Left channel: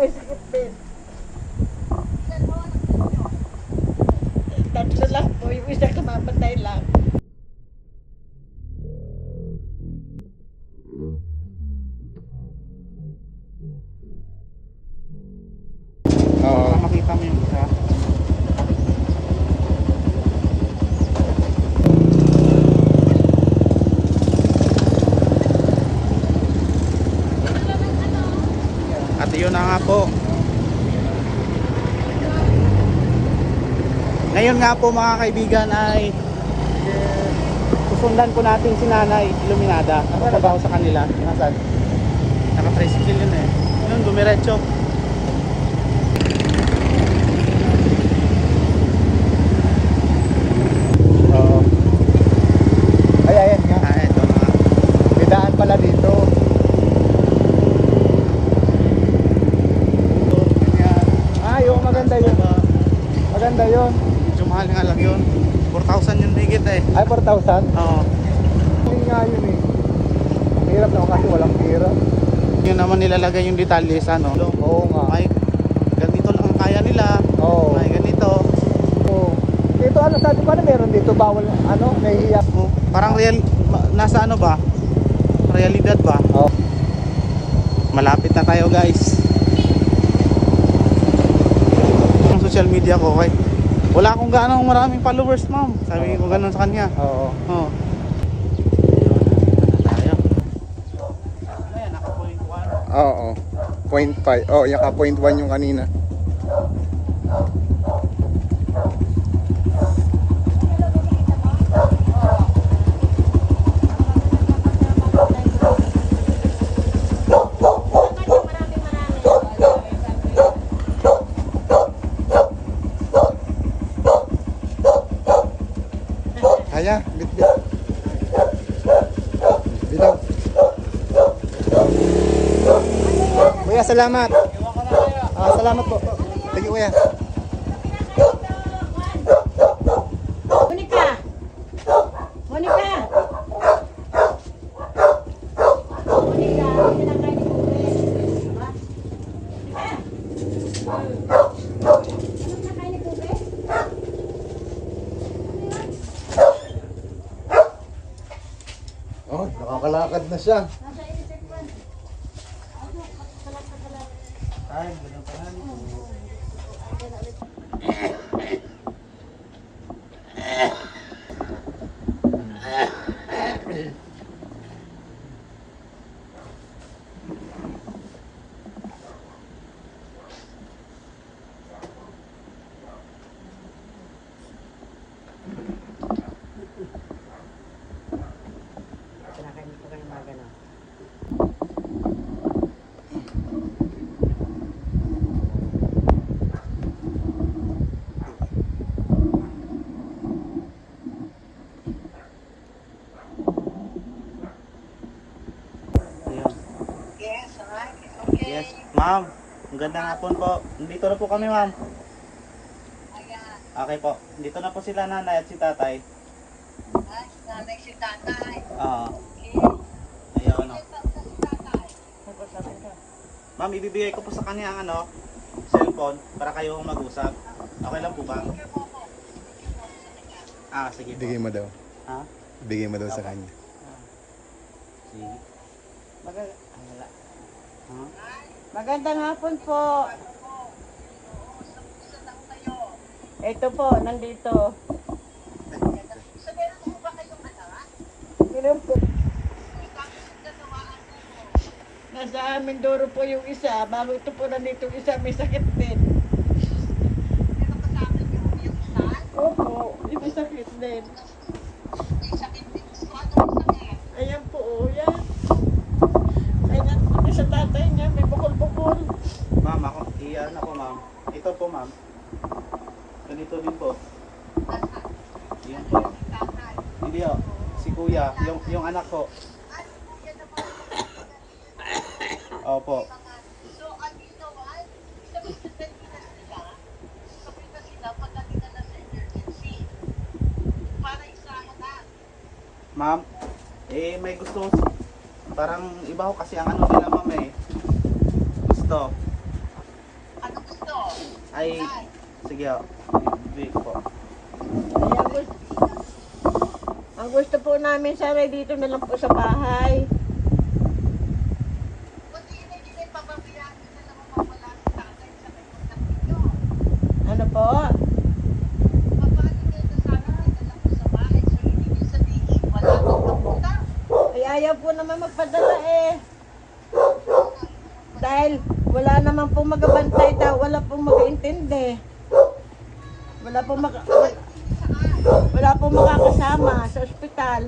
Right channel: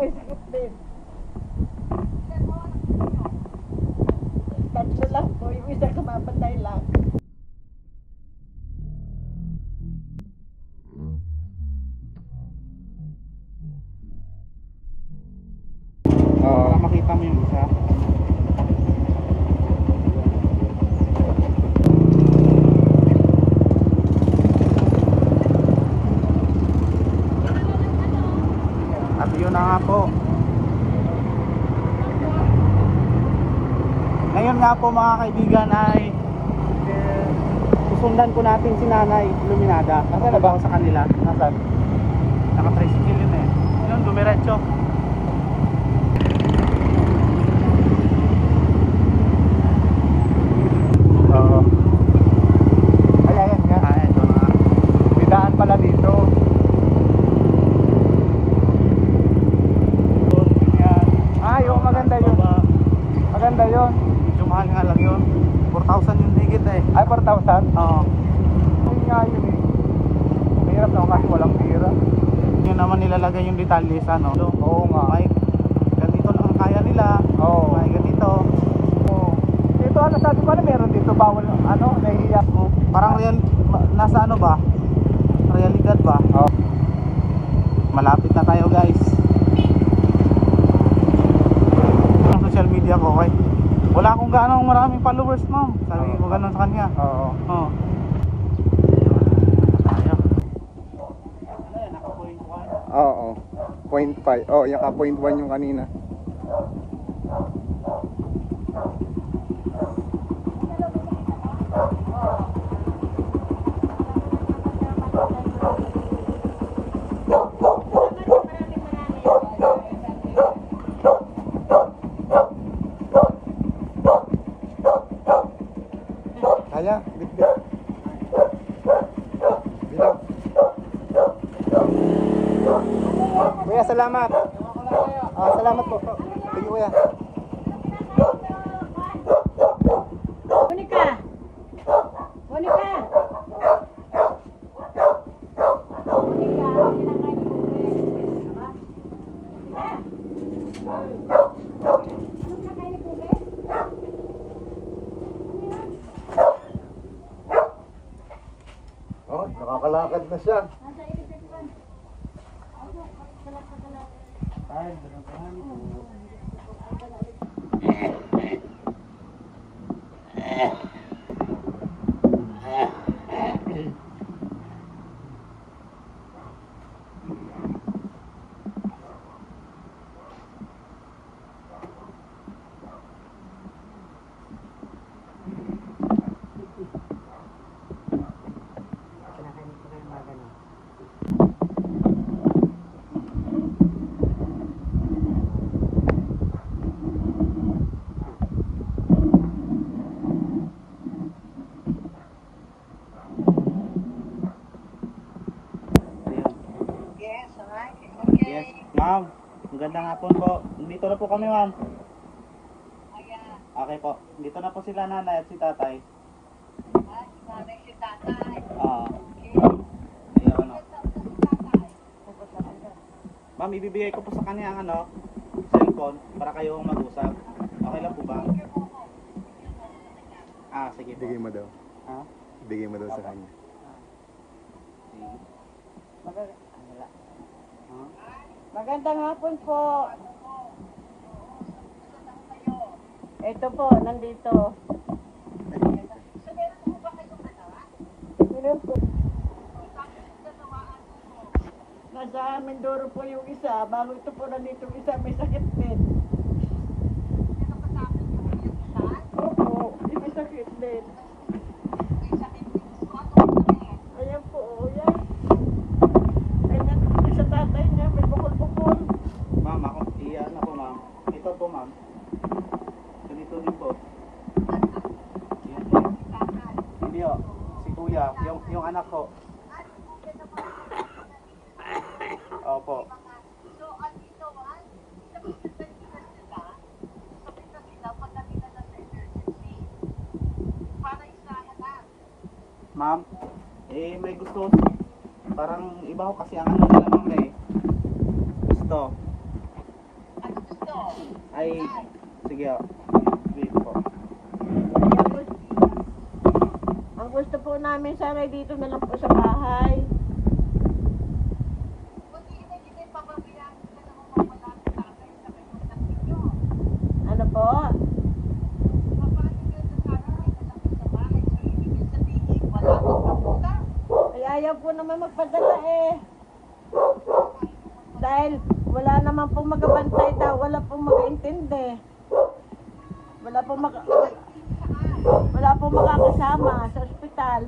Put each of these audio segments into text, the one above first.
may sakit din. Tatlo lang po, yung isa kamamatay lang. Para makita mo yung isa. At yun na nga po. Ngayon nga po mga kaibigan ay susundan po natin si Nanay Iluminada. Ako na ba ako sa kanila? Nasaan? Naka-tricycle yun eh. Yun, dumiretso. Ay, ayan nga. Ayan, bidaan pala dito. Ay, oh, maganda yun. Maganda yun. Medyo mahal nga lang yun. 4,000 yun higit eh. Ay, 4,000? Oo. Hindi nga yun eh. Hirap na kasi walang pira. Yun naman nilalagay yung detalye sa ano. Oo nga. Ay, ganito lang ang kaya nila. Oo. Ay, ganito. Oo. Dito ano, sabi ko na meron dito. Bawal, ano, nahihiyak. Parang real, nasa ano ba? Realidad ba? Oo. Malapit na tayo guys. Ang social media ko, okay? Wala akong gaano maraming followers, ma'am. Sabi ko ganun sa kanya. Oo. Oo. Oo. 0.5. Oh, yung ka 0.1 yung kanina. Kaya, bit-bit. Bitaw. Kuya, salamat. Salamat po. Sige, kuya. Monica! Monica! Monica, kinakain ni Kuya. Ano kinakain ni Kuya? Oh, nakakalakad na siya. Nasa isip ko. Ay, ganun pa lang. Kinakain ni Kuya yung mga ganun. Yes, alright. Okay. Yes, ma'am. Magandang hapon po. Dito na po kami, ma'am. Okay po. Dito na po sila nanay at si tatay. Nanay si tatay. Oo. Ayun, ano. Ma'am, ibibigay ko po sa kanya ang ano, cellphone para kayo mag-usap. Okay lang po ba? Sige po. Bigay mo daw. Ha? Bigay mo daw sa kanya. Sige. Wala. Huh? Magandang hapon po. Ito po, nandito. Ilan po? Nasa Mindoro po yung isa. Bago ito po nandito yung isa, may sakit din. Opo, yung may sakit din. Ayan po, yan. Ayan, sa tatay niya, may bukol-bukol. Ma'am, iyan ako, ma'am. Ito po, ma'am. Ganito din po. Yan po. Hindi oh. Si kuya, yung anak ko. Opo. Ma'am, may gusto. Parang iba ko kasi ang ano nila, ma'am eh. Gusto. Ay, sige o. Dito po. Ayan, ang gusto po namin sana dito na lang po sa bahay. Ano po? Ay, ayaw po naman magpadala eh. Dahil wala naman po magabantay daw, wala pong mag-iintindi. Wala pong makakasama sa ospital.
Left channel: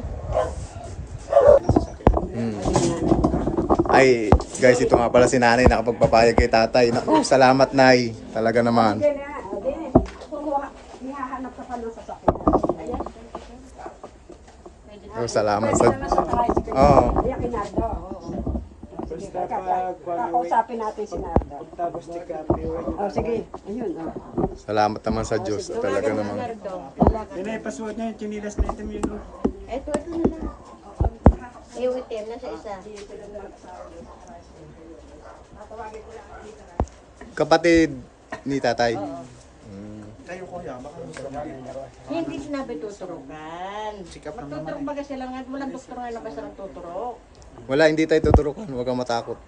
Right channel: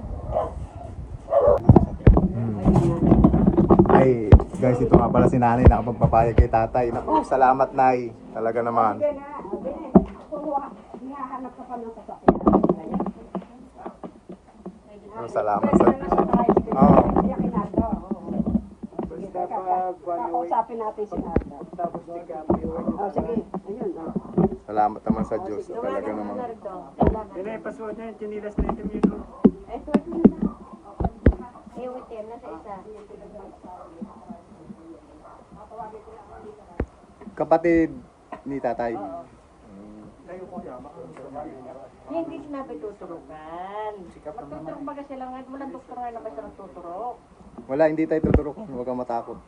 Ay, guys, ito nga pala si nanay nakapagpapayag kay tatay. Naku, salamat nay. Talaga naman. Oh, salamat sa... Oo. Kakausapin natin si Nardo. Tapos ni Kapi. Oh, sige. Ayun. Oh. Salamat naman sa Diyos. Talaga naman. Pasuot niya yung chinilas na ito yun. Ito na lang. Iwitim na sa isa. Kapatid ni tatay. Kayo kuya, baka Hindi sinabi tuturukan. Magtuturok ba kasi lang at walang doktor nga na basta nagtuturok. Wala, hindi tayo tuturukan. Huwag kang matakot.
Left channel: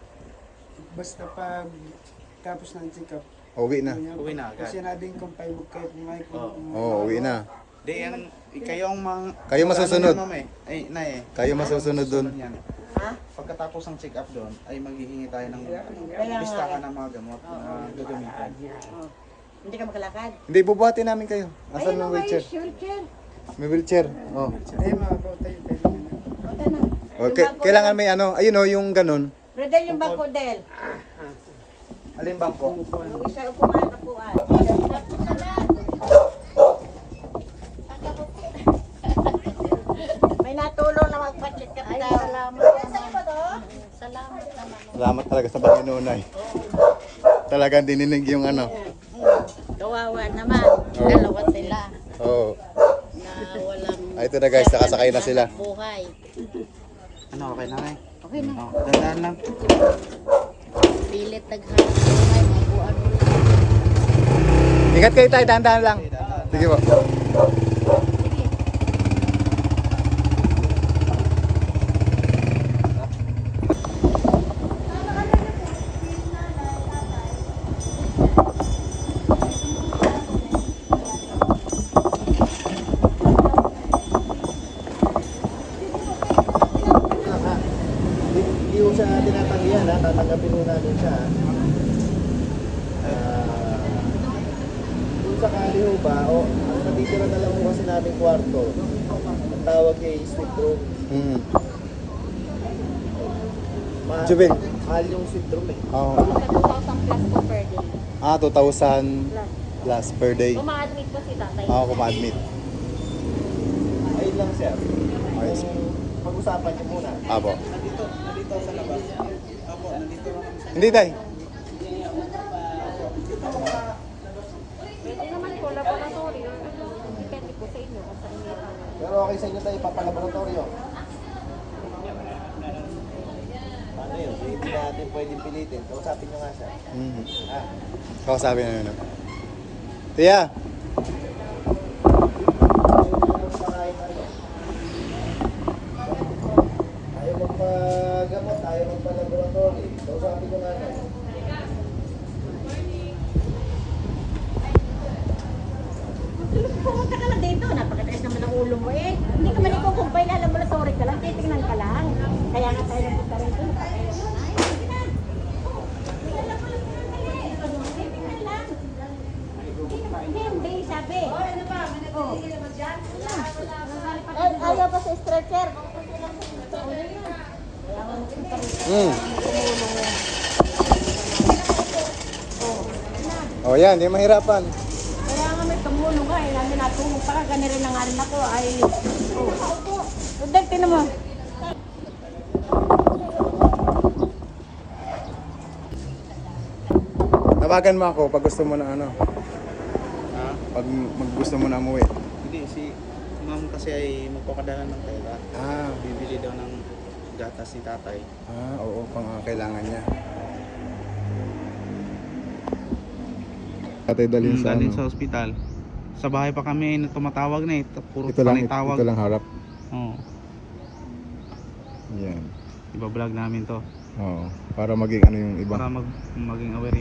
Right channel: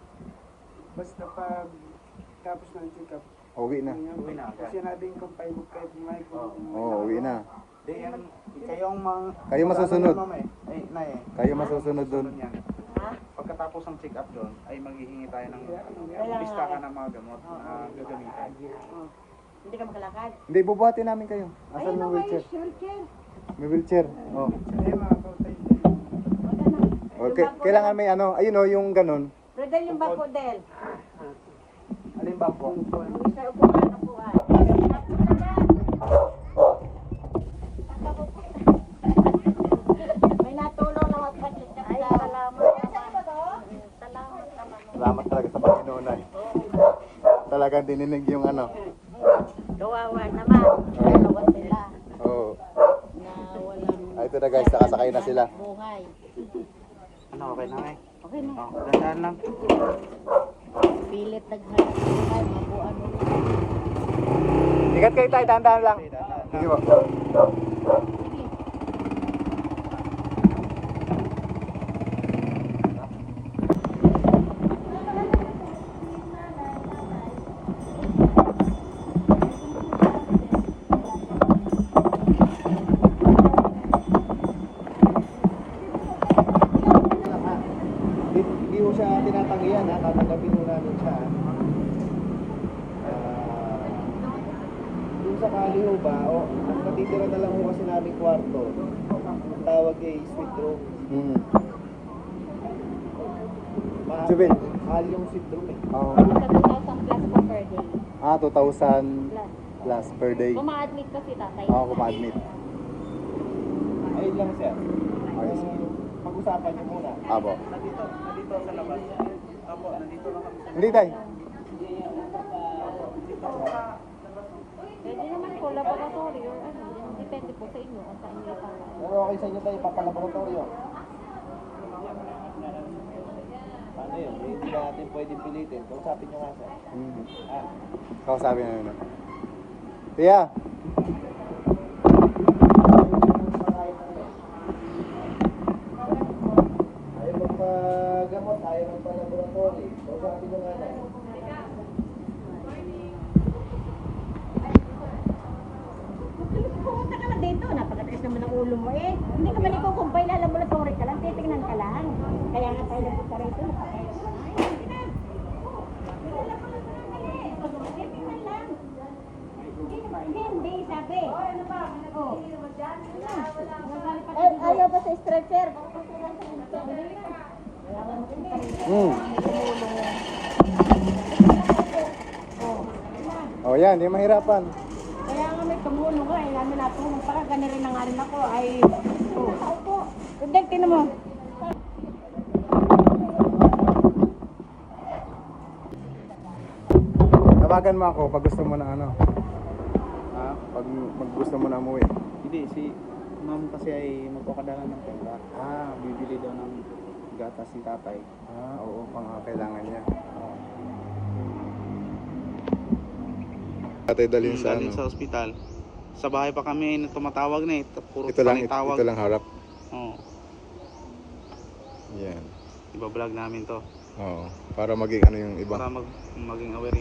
Basta pag tapos ng check-up, Uwi na. uwi na agad. kasi natin kung payag kahit may Oo, uwi na. Di yan, kayo ang mga... Kayo masusunod. Ano, ma'am, eh. Ay, nay eh. Kayo masusunod dun. Yan. Ha? Pagkatapos ng check-up doon, ay maghihingi tayo ng Kaya listahan ng mga gamot na gagamitin. Hindi ka makalakad. Hindi, bubuhatin namin kayo. Asan yung wheelchair? Wheelchair. May wheelchair. Oh. Ay, makabaw tayo. Okay, kailangan may ano. Ayun oh, yung ganun. Redel yung bangko, Del. Alin bang po? Yung isa upuan na po. May natulong na magpa-check up daw. Salamat naman. Salamat talaga sa Panginoon ay. Talagang dininig yung ano. Kawawa naman. Oo. Dalawa sila Oo. na walang Ay, ito na guys, nakasakay na sila. buhay. Ano, okay na ngay? Okay na. Oh, dandaan lang. Pilit naghanap buhay. Ano lang. Ingat kayo tayo, dahan-dahan lang. Sige po. Hindi ko siya tinatanggihan ha, tatanggapin mo namin siya ha. Kung sakali ho ba, o ang matitira na lang ho kasi namin kwarto, ang tawag ay suite room. Mm. Mahal, Jubin. mahal yung suite room eh. Oo. 2,000 plus po per day. 2,000 plus per day. Uma-admit po si tatay. Ako kuma-admit. Ayun lang sir. Ayos. Pag-usapan niyo muna. Abo. Nandito sa labas. Apo, nandito lang kami sa Hindi tay. Pwede naman po, laboratory or ano. Depende po sa inyo kung saan may tama. Pero okay sa inyo tayo papalaboratorio. Paano yun? Hindi natin pwedeng pilitin. Kausapin nyo nga siya. Mm-hmm. Ah, Kausapin na yun. Tiya! ayaw magpagamot, ayaw magpalaboratory. Kausapin nyo nga siya. Pumunta ka lang dito. Napakatiis naman ang ulo mo eh. Hindi ka man ikukumpay na laboratory ka lang. Titignan ka lang. Kaya nga tayo nagpunta rito. Napakatiis na. Hindi, sabi. Oh. Ay, ayaw pa sa stretcher. Oh, yan, di mahirapan. Kaya nga may tumulong nga, namin natulong para gani rin na nga rin ako ay Udal, tinan mo. Tawagan mo ako pag gusto mo na ano. Ha? Pag gusto mo na umuwi. Hindi, si ma'am kasi ay magpakadala ng pera. Ah, Bibili daw ng gatas ni tatay. oo, pang kailangan niya. Tatay dalhin sa Dalhin sa ospital. Sa bahay pa kami tumatawag na eh. Puro panay tawag. ito lang harap. Oo. Yan. Iba-vlog namin to. Oo. Para maging ano yung iba. Para maging aware